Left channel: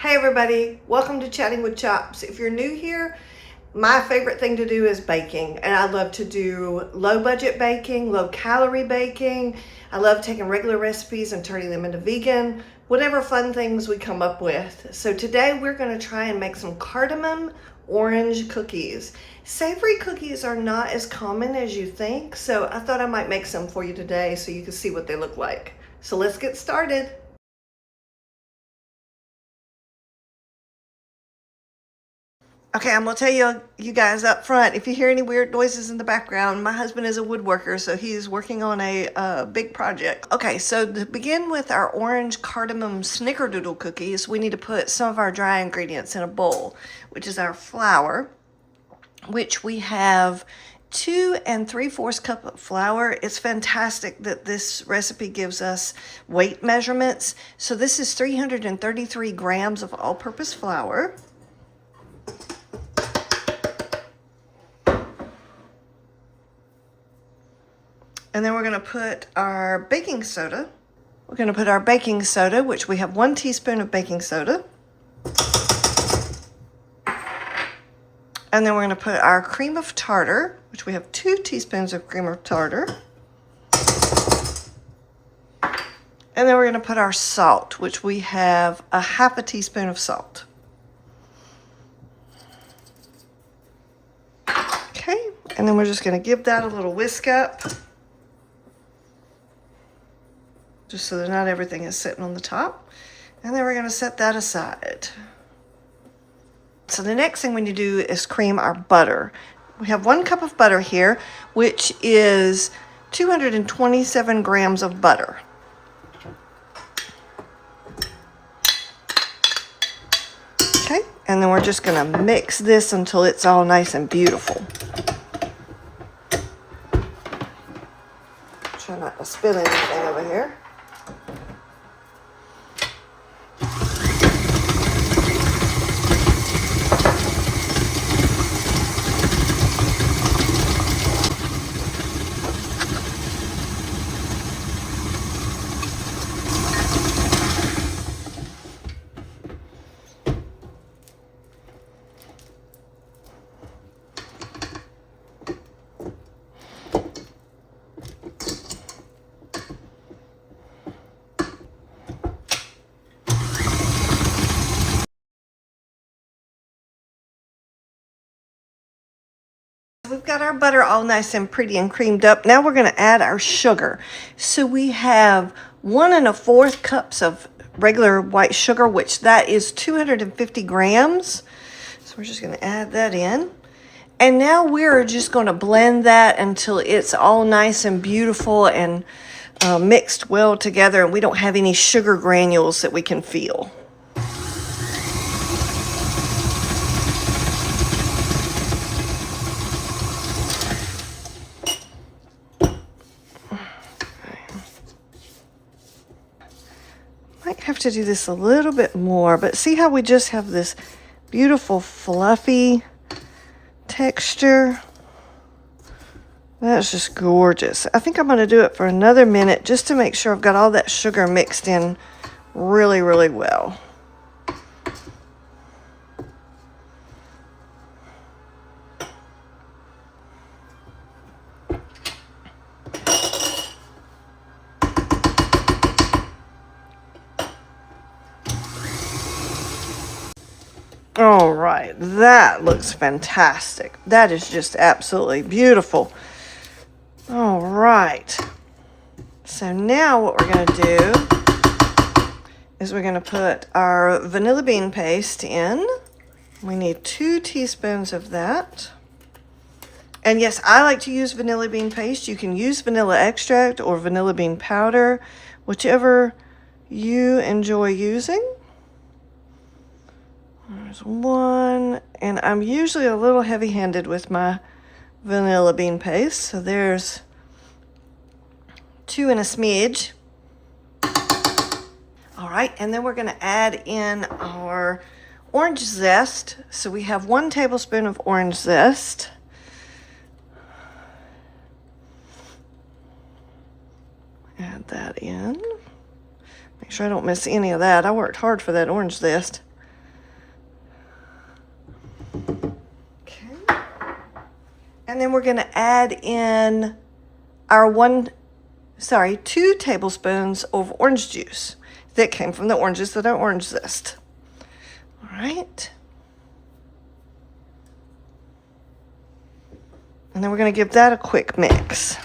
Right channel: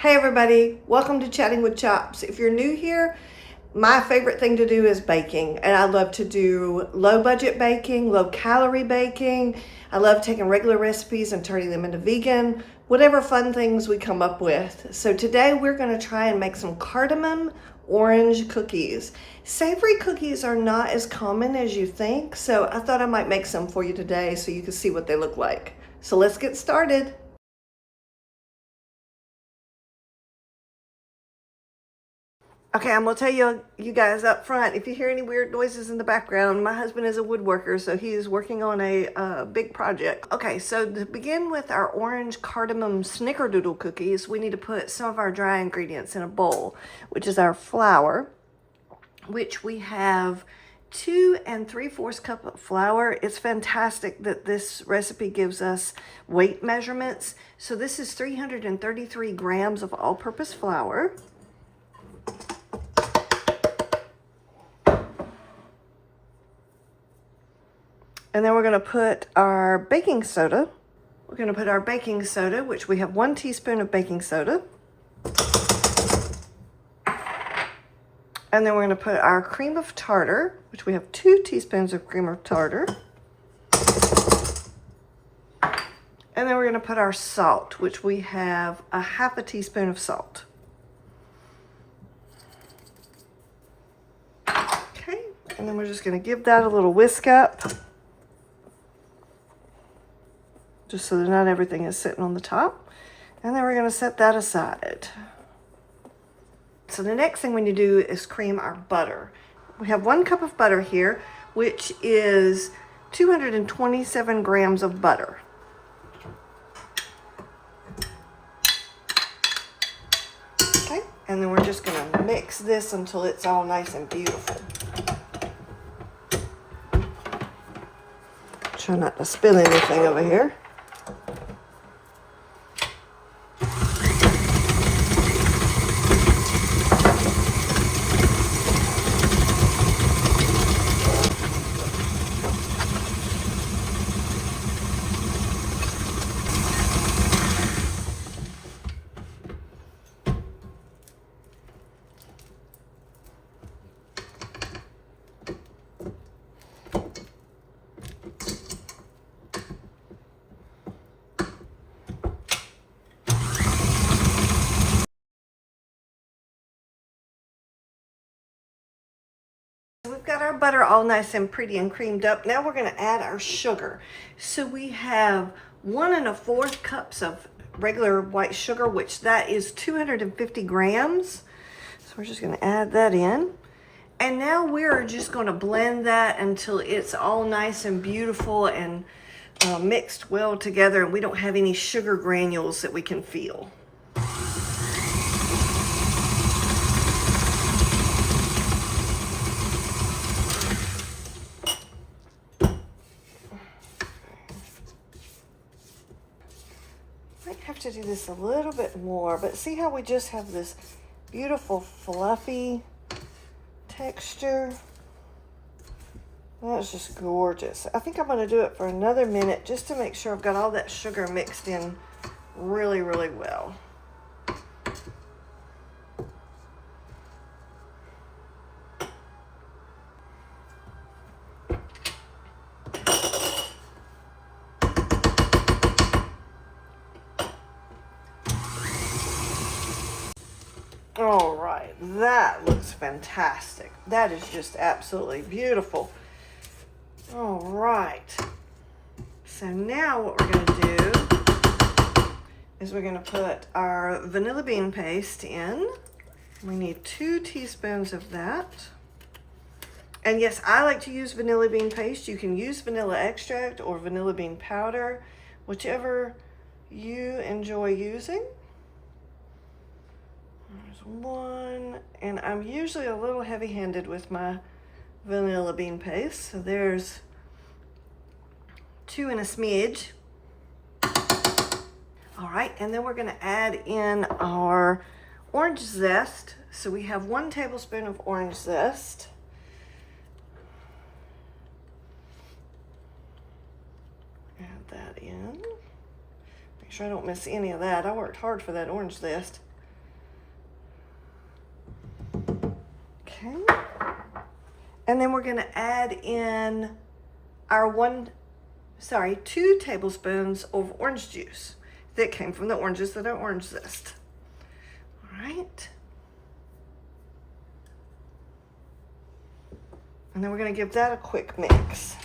Hey everybody, welcome to Chatting with Chops. If you're new here, my favorite thing to do is baking, and I love to do low budget baking, low calorie baking. I love taking regular recipes and turning them into vegan, whatever fun things we come up with. So today we're going to try and make some cardamom orange cookies. Savory cookies are not as common as you think, so I thought I might make some for you today so you can see what they look like. So let's get started. Okay, I'm gonna tell you guys up front, if you hear any weird noises in the background, my husband is a woodworker, so he's working on a big project. Okay, so to begin with our orange cardamom snickerdoodle cookies, we need to put some of our dry ingredients in a bowl, which is our flour, which we have 2 3/4 cup of flour. It's fantastic that this recipe gives us weight measurements. So this is 333 grams of all-purpose flour. And then we're going to put our baking soda. We're going to put our baking soda, which we have 1 teaspoon of baking soda. And then we're going to put our cream of tartar, which we have 2 teaspoons of cream of tartar. And then we're going to put our salt, which we have a 1/2 teaspoon of salt. Okay, and then we're just going to give that a little whisk up, just so that not everything is sitting on the top. And then we're going to set that aside. So the next thing we need to do is cream our butter. We have 1 cup of butter here, which is 227 grams of butter. Okay, and then we're just going to mix this until it's all nice and beautiful. Try not to spill anything over here. We've got our butter all nice and pretty and creamed up. Now we're going to add our sugar. So we have 1 1/4 cups of regular white sugar, which that is 250 grams. So we're just going to add that in. And now we're just going to blend that until it's all nice and beautiful and mixed well together, and we don't have any sugar granules that we can feel. Might have to do this a little bit more, but see how we just have this beautiful fluffy texture? That's just gorgeous. I think I'm going to do it for another minute just to make sure I've got all that sugar mixed in really, really well. All right, that looks fantastic. That is just absolutely beautiful. All right. So now what we're going to do is we're going to put our vanilla bean paste in. We need 2 teaspoons of that. And yes, I like to use vanilla bean paste. You can use vanilla extract or vanilla bean powder, whichever you enjoy using. There's 1, and I'm usually a little heavy-handed with my vanilla bean paste, so there's 2 and a smidge. All right, and then we're going to add in our orange zest. So we have 1 tablespoon of orange zest. Add that in. Make sure I don't miss any of that. I worked hard for that orange zest. And then we're going to add in our 2 tablespoons of orange juice that came from the oranges that are orange zest. All right. And then we're going to give that a quick mix.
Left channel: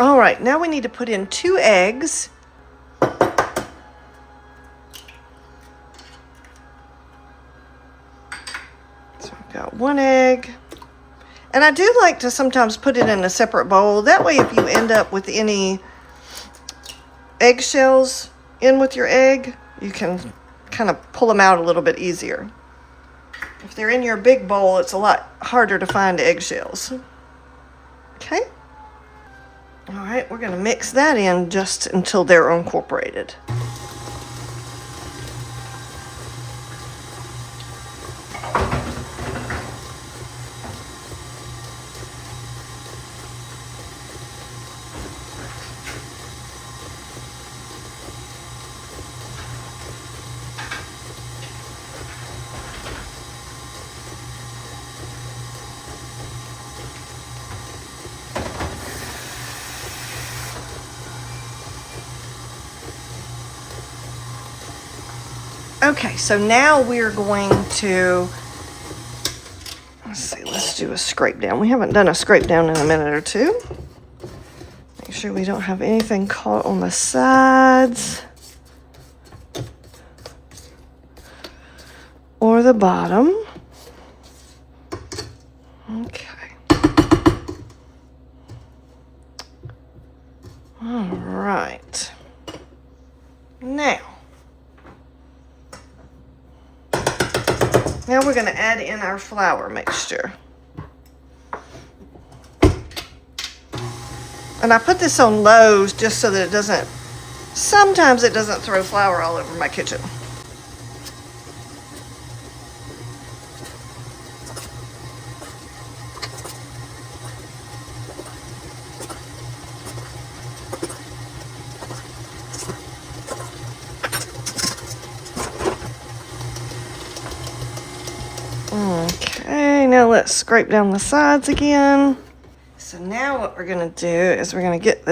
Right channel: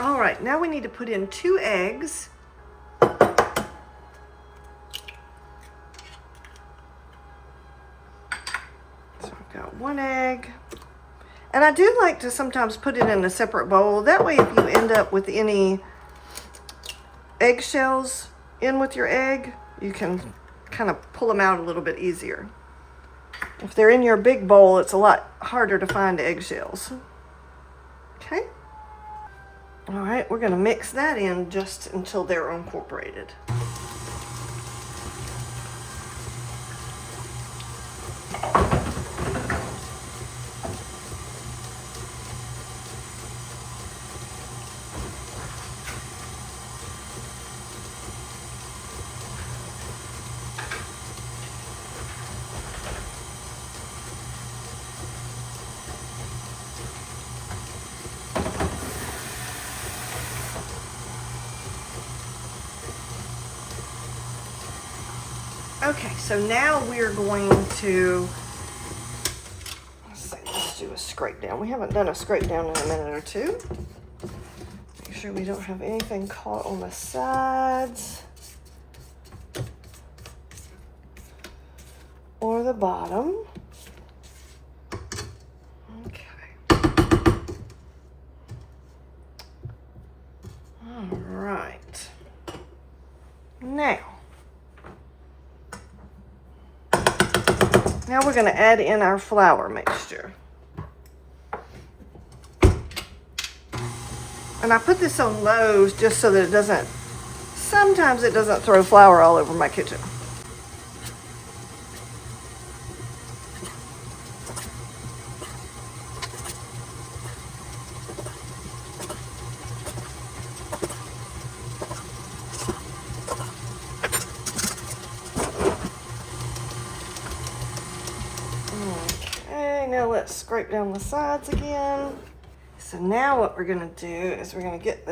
All right, now we need to put in 2 eggs. So I've got 1 egg. And I do like to sometimes put it in a separate bowl. That way if you end up with any eggshells in with your egg, you can kind of pull them out a little bit easier. If they're in your big bowl, it's a lot harder to find eggshells. Okay. All right, we're going to mix that in just until they're incorporated. Okay, so now we're going to, let's do a scrape down. We haven't done a scrape down in a minute or two. Make sure we don't have anything caught on the sides or the bottom. Okay. All right. Now we're going to add in our flour mixture. And I put this on low just so that sometimes it doesn't throw flour all over my kitchen. Okay, now let's scrape down the sides again. So now what we're gonna do is we're gonna get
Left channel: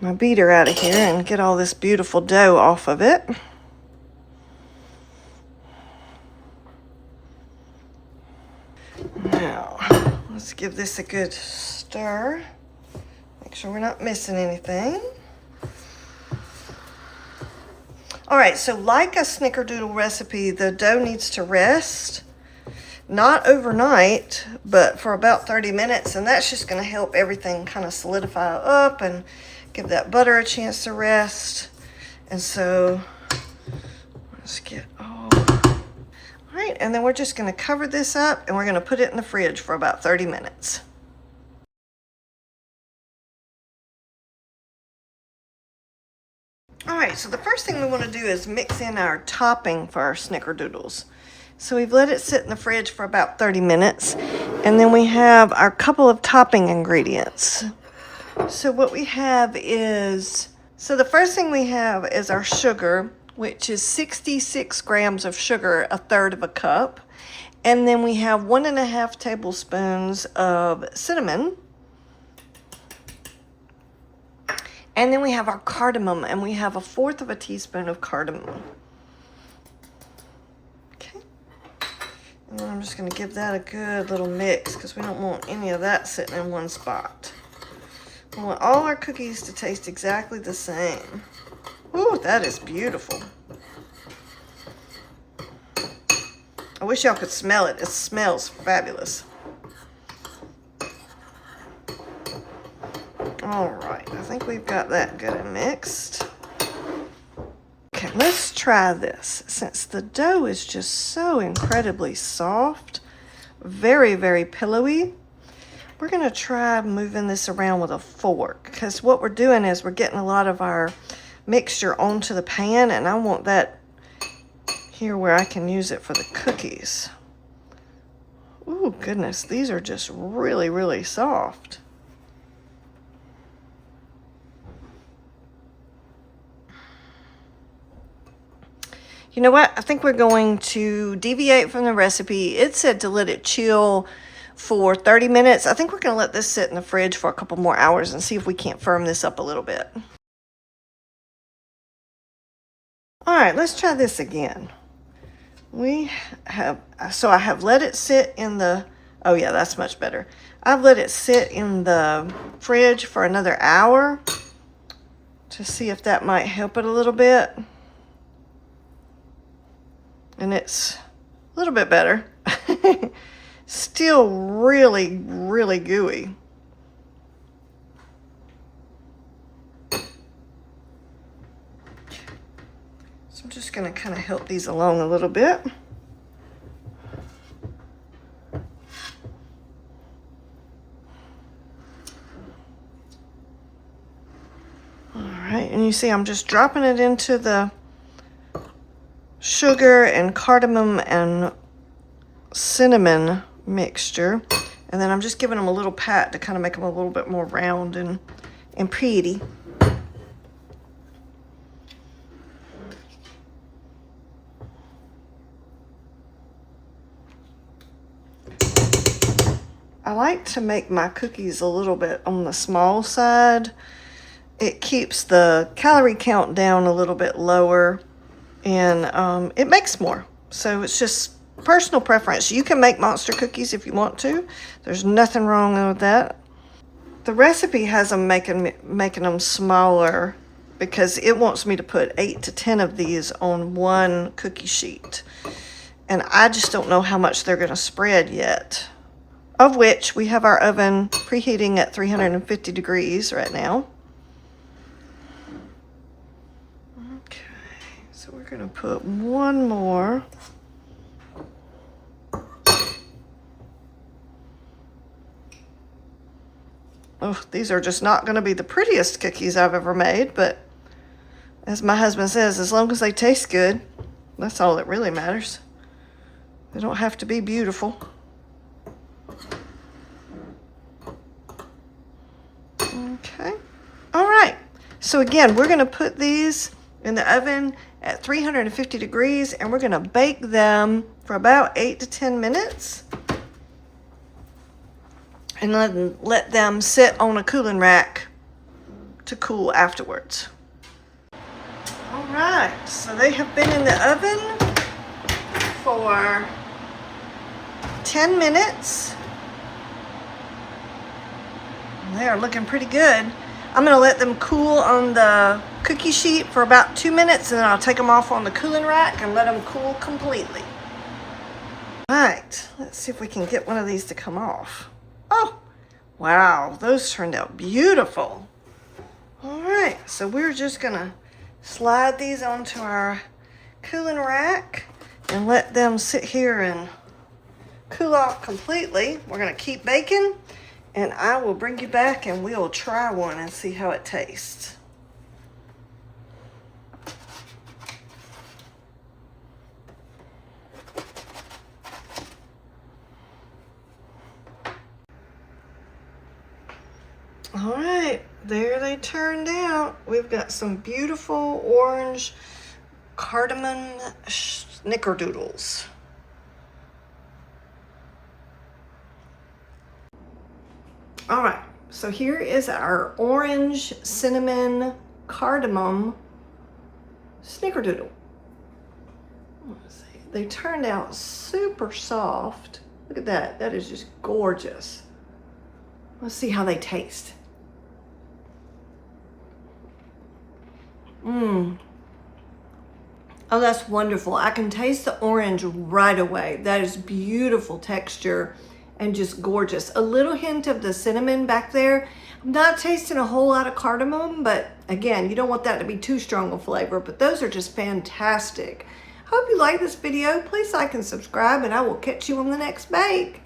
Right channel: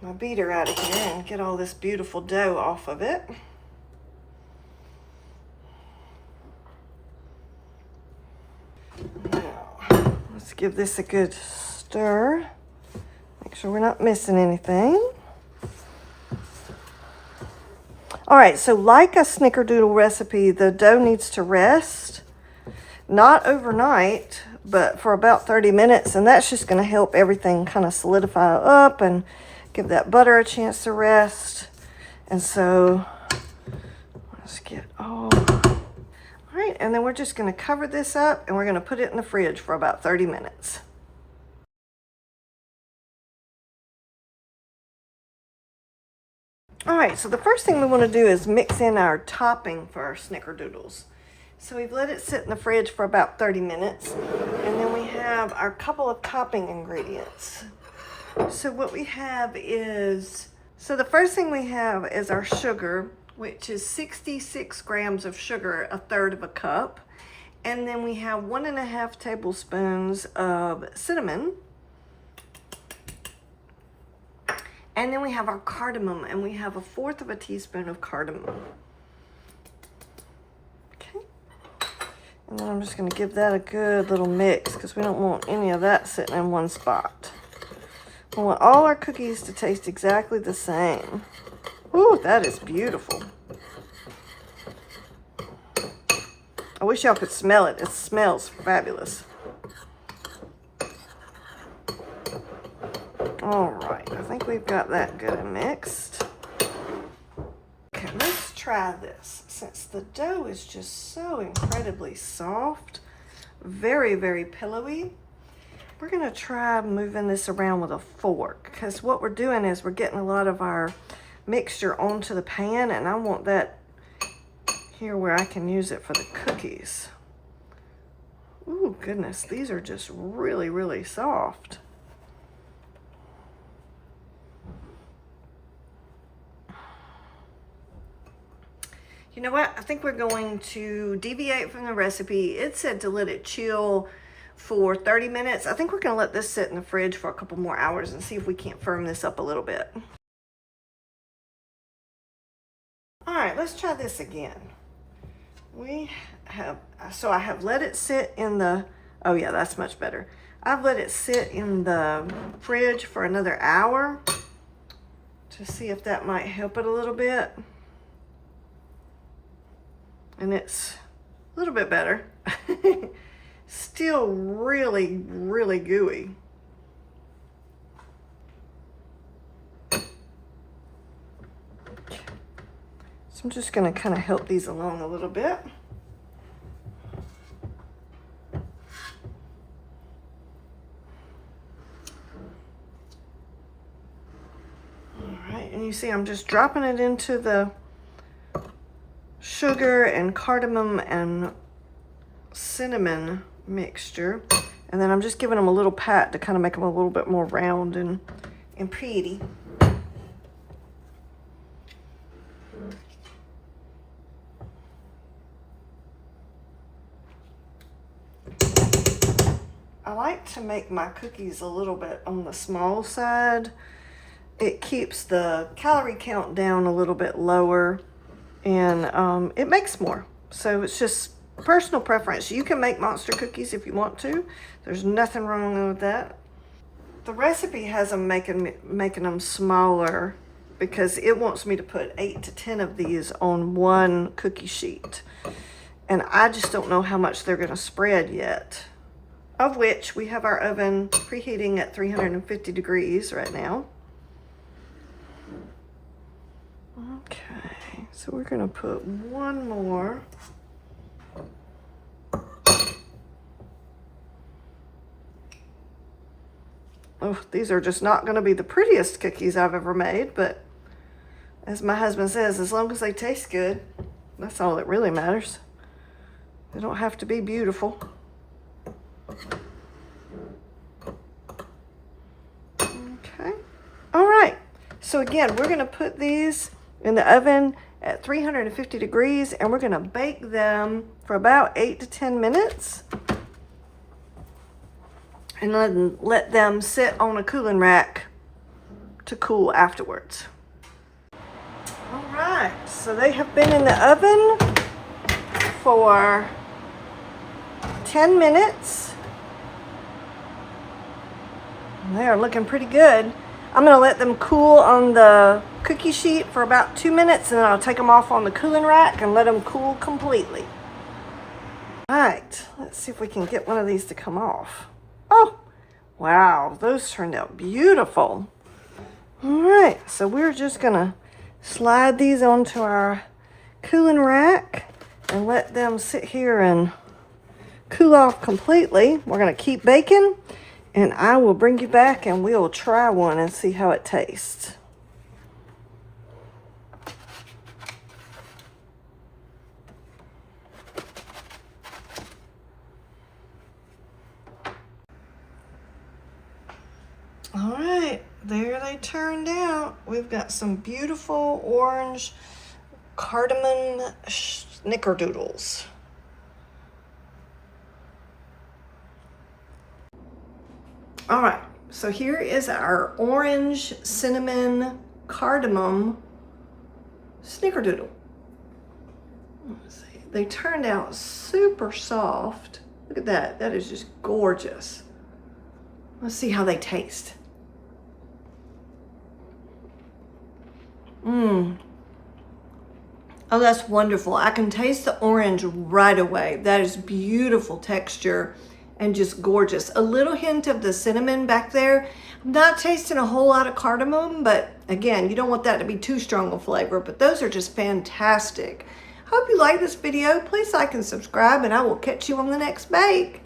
my beater out of here and get all this beautiful dough off of it. Now, let's give this a good stir. Make sure we're not missing anything. All right, so like a Snickerdoodle recipe, the dough needs to rest, not overnight, but for about 30 minutes, and that's just gonna help everything kind of solidify up and give that butter a chance to rest. And so, let's get all right, and then we're just gonna cover this up and we're gonna put it in the fridge for about 30 minutes. All right, so the first thing we want to do is mix in our topping for our Snickerdoodles. So we've let it sit in the fridge for about 30 minutes, and then we have our couple of topping ingredients. So what we have is, the first thing we have is our sugar, which is 66 grams of sugar, 1/3 of a cup. And then we have 1.5 tablespoons of cinnamon. And then we have our cardamom, and we have 1/4 of a teaspoon of cardamom. Okay. And then I'm just going to give that a good little mix because we don't want any of that sitting in one spot. We want all our cookies to taste exactly the same. Ooh, that is beautiful. I wish y'all could smell it. It smells fabulous. All right, I think we've got that good and mixed. Okay, let's try this. Since the dough is just so incredibly soft, very, very pillowy, we're gonna try moving this around with a fork, because what we're doing is we're getting a lot of our mixture onto the pan, and I want that here where I can use it for the cookies. Ooh, goodness, these are just really, really soft. You know what? I think we're going to deviate from the recipe. It said to let it chill for 30 minutes. I think we're going to let this sit in the fridge for a couple more hours and see if we can't firm this up a little bit. All right, let's try this again. I have let it sit in the, oh yeah, that's much better. I've let it sit in the fridge for another hour to see if that might help it a little bit. And it's a little bit better. Still really, really gooey. So I'm just going to kind of help these along a little bit. All right, and you see I'm just dropping it into the sugar and cardamom and cinnamon mixture, and then I'm just giving them a little pat to kind of make them a little bit more round and pretty. I like to make my cookies a little bit on the small side. It keeps the calorie count down a little bit lower, and it makes more. So it's just personal preference. You can make monster cookies if you want to. There's nothing wrong with that. The recipe has them making them smaller because it wants me to put 8 to 10 of these on one cookie sheet. And I just don't know how much they're going to spread yet. Of which we have our oven preheating at 350 degrees right now. Okay, so we're going to put one more. Oh, these are just not going to be the prettiest cookies I've ever made, but as my husband says, as long as they taste good, that's all that really matters. They don't have to be beautiful. Okay. All right. So again, we're going to put these in the oven at 350 degrees, and we're going to bake them for about 8 to 10 minutes. And then let them sit on a cooling rack to cool afterwards. All right, so they have been in the oven for 10 minutes. And they are looking pretty good. I'm gonna let them cool on the cookie sheet for about 2 minutes, and then I'll take them off on the cooling rack and let them cool completely. All right, let's see if we can get one of these to come off. Oh, wow, those turned out beautiful. All right, so we're just gonna slide these onto our cooling rack and let them sit here and cool off completely. We're gonna keep baking, and I will bring you back and we'll try one and see how it tastes. All right, there they turned out. We've got some beautiful orange cardamom snickerdoodles. All right, so here is our orange cinnamon cardamom snickerdoodle. Let's see. They turned out super soft. Look at that. That is just gorgeous. Let's see how they taste. Oh, that's wonderful. I can taste the orange right away. That is beautiful texture and just gorgeous. A little hint of the cinnamon back there. I'm not tasting a whole lot of cardamom, but again, you don't want that to be too strong a flavor, but those are just fantastic. Hope you like this video. Please like and subscribe, and I will catch you on the next bake.